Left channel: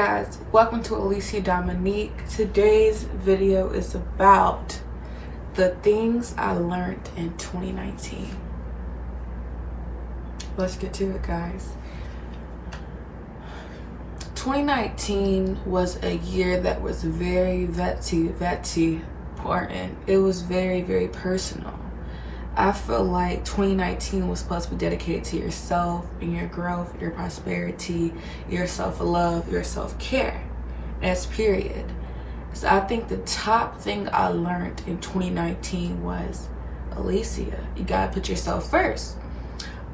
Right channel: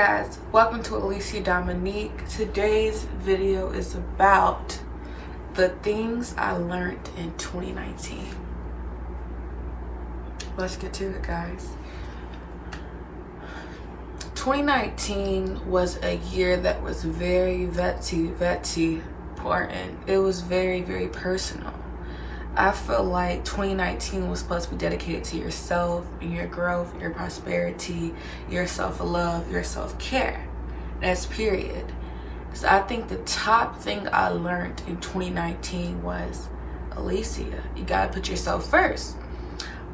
guys, welcome to Alicia Domo'nique. Today's video is about the things I learned in 2019. Let's get to it, guys. 2019 was a year that was very important. It was very personal. I feel like 2019 was supposed to be dedicated to yourself and your growth, your prosperity, your self-love, your self-care. That's period. So I think the top thing I learned in 2019 was, Alicia, you gotta put yourself first.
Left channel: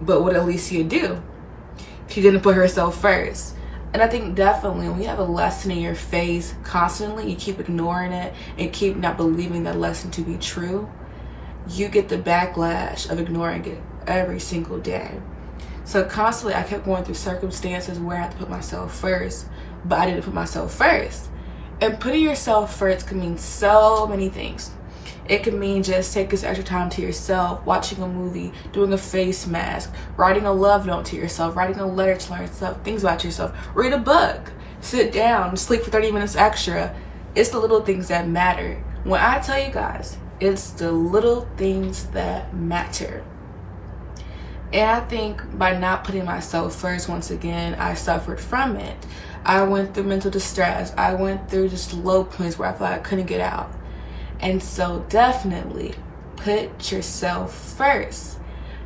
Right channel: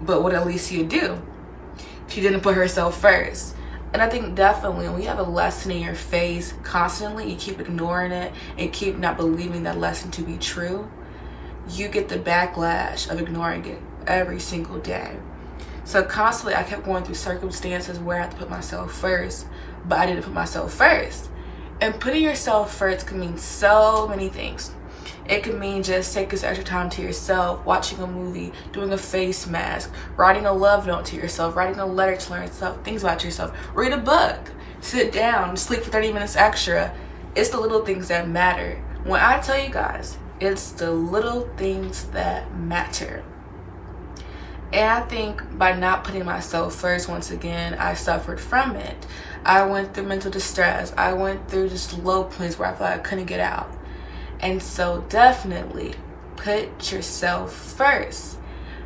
But what did Alicia do? She didn't put herself first. And I think definitely when you have a lesson in your face constantly, you keep ignoring it and keep not believing that lesson to be true, you get the backlash of ignoring it every single day. So constantly I kept going through circumstances where I had to put myself first, but I didn't put myself first. And putting yourself first can mean so many things. It can mean just taking some extra time to yourself, watching a movie, doing a face mask, writing a love note to yourself, writing a letter to learn stuff, things about yourself, read a book, sit down, sleep for 30 minutes extra. It's the little things that matter. When I tell you guys, it's the little things that matter. And I think by not putting myself first, once again, I suffered from it. I went through mental distress. I went through just low points where I felt like I couldn't get out. And so definitely put yourself first.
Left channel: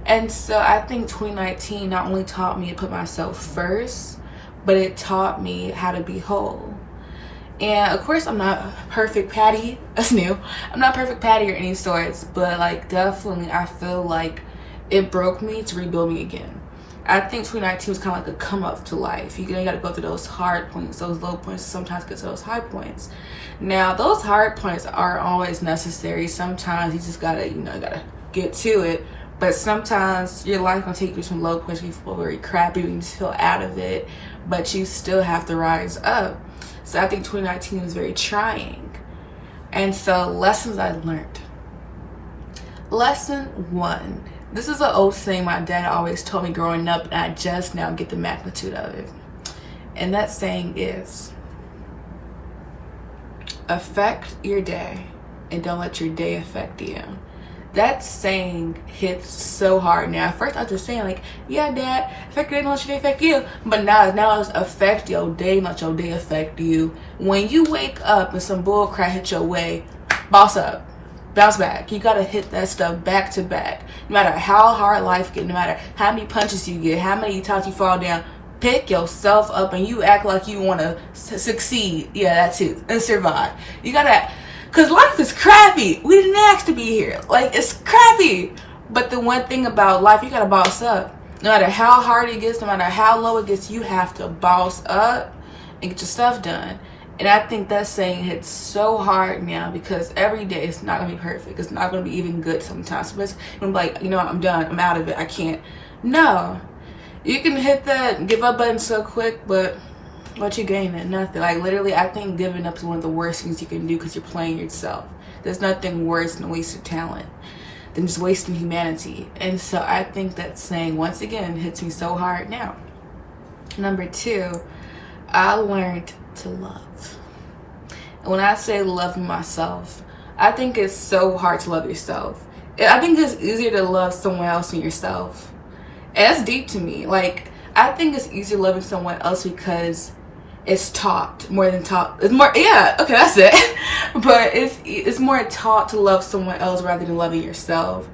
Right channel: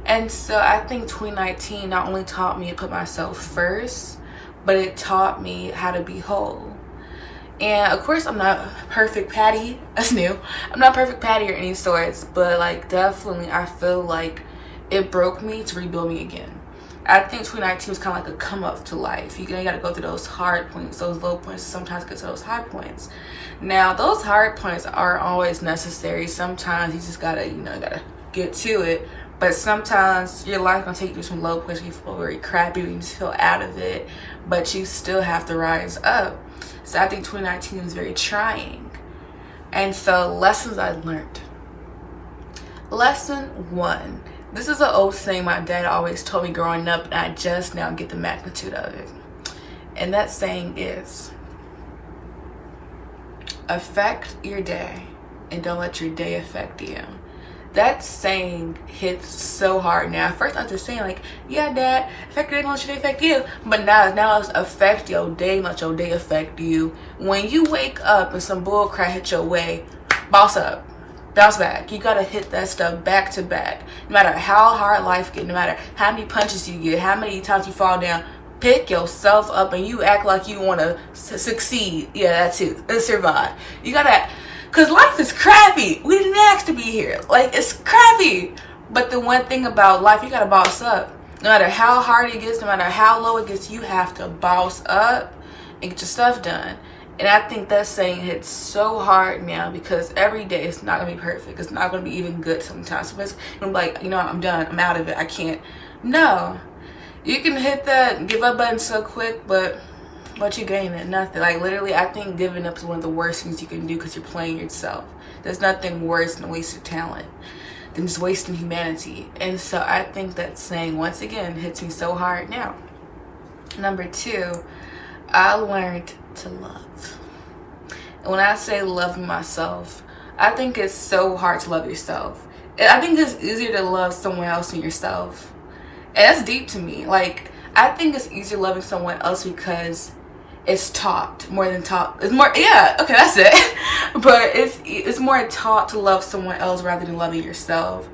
And so I think 2019 not only taught me to put myself first, but it taught me how to be whole. And of course, I'm not perfect Patty. That's new. I'm not perfect Patty or any sorts, but like definitely I feel like it broke me to rebuild me again. I think 2019 was kind of like a come up to life. You got to go through those hard points, those low points, sometimes get to those high points. Now, those hard points aren't always necessary. Sometimes you just gotta, you gotta get to it. But sometimes your life gonna take you through some low points. You feel very crappy, you just feel out of it, but you still have to rise up. So I think 2019 was very trying. And so lessons I learned. Lesson 1. This is an old saying my dad always told me growing up, and I just now get the magnitude of it. And that saying is, affect your day and don't let your day affect you. That saying hits so hard now. At first I was just saying like, yeah, Dad, affect your day, don't let your day affect you. But now it's affect your day, not your day affect you. When you wake up and some bull crap hit your way, boss up. Bounce back. You gotta hit that stuff back to back. No matter how hard life gets, no matter how many punches you get, how many times you fall down, pick yourself up and you act like you want to succeed. Yeah, that's it. And survive. You gotta, because life is crappy. We didn't ask to be here. Like, it's crappy. But the one thing about life, you gotta boss up. No matter how hard it gets, no matter how low it gets, you have to boss up and get your stuff done. And I think that saying hits so hard now because every day it's not gonna be perfect. It's not gonna be even good sometimes. So it's gonna be like, I'm done. I'm out of it. I can't. No. You can hit that give up button so quick, but what you gaining? Nothing. Like literally, I think giving up is one of the worst things you can do because you're playing yourself. There's nothing worse than wasted talent than just wasting humanity. And so I think that saying once again hits me so hard now. Number 2, I learned to love. And when I say loving myself, I think it's so hard to love yourself. I think it's easier to love someone else than yourself. And that's deep to me. Like, I think it's easier loving someone else because it's taught more than taught. It's more, yeah, okay, that's it. But it's more taught to love someone else rather than loving yourself.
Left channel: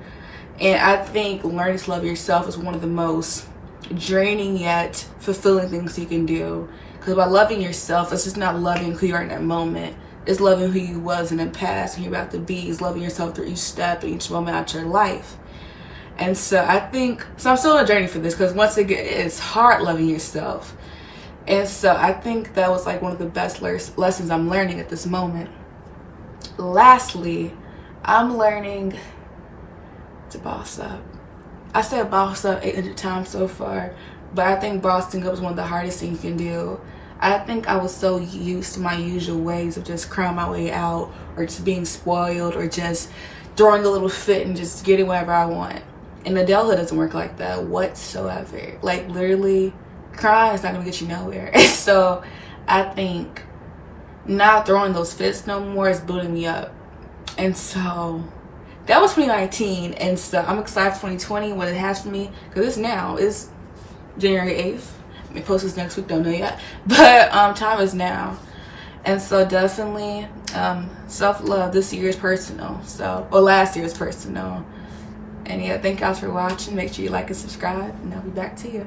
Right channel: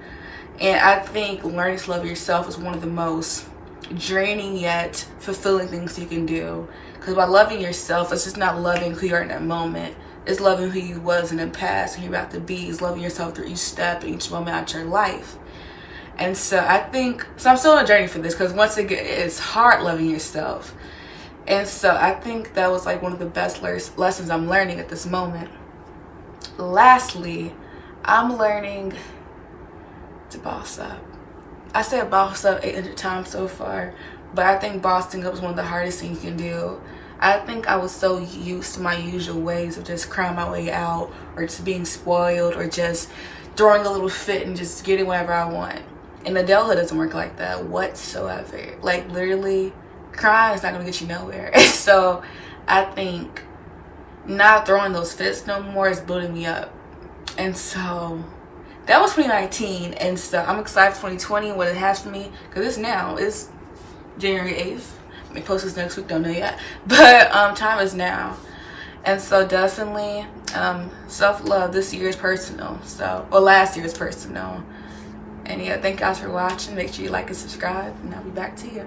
And I think learning to love yourself is one of the most draining yet fulfilling things you can do. Because by loving yourself, it's just not loving who you are in that moment. It's loving who you was in the past and you're about to be. It's loving yourself through each step and each moment out your life. And so I think, so I'm still on a journey for this because once again, it's hard loving yourself. And so I think that was like one of the best lessons I'm learning at this moment. Lastly, I'm learning to boss up. I said boss up 800 times so far, but I think bossing up is one of the hardest things you can do. I think I was so used to my usual ways of just crying my way out or just being spoiled or just throwing a little fit and just getting whatever I want. And adulthood doesn't work like that whatsoever. Like literally, crying is not gonna get you nowhere. So I think not throwing those fits no more is building me up. And so that was 2019, and so I'm excited for 2020, what it has for me, because it's January 8th. I may post this next week, don't know yet, but time is now. And so definitely self-love this year is personal, or last year is personal. And yeah, thank you guys for watching. Make sure you like and subscribe, and I'll be back to you.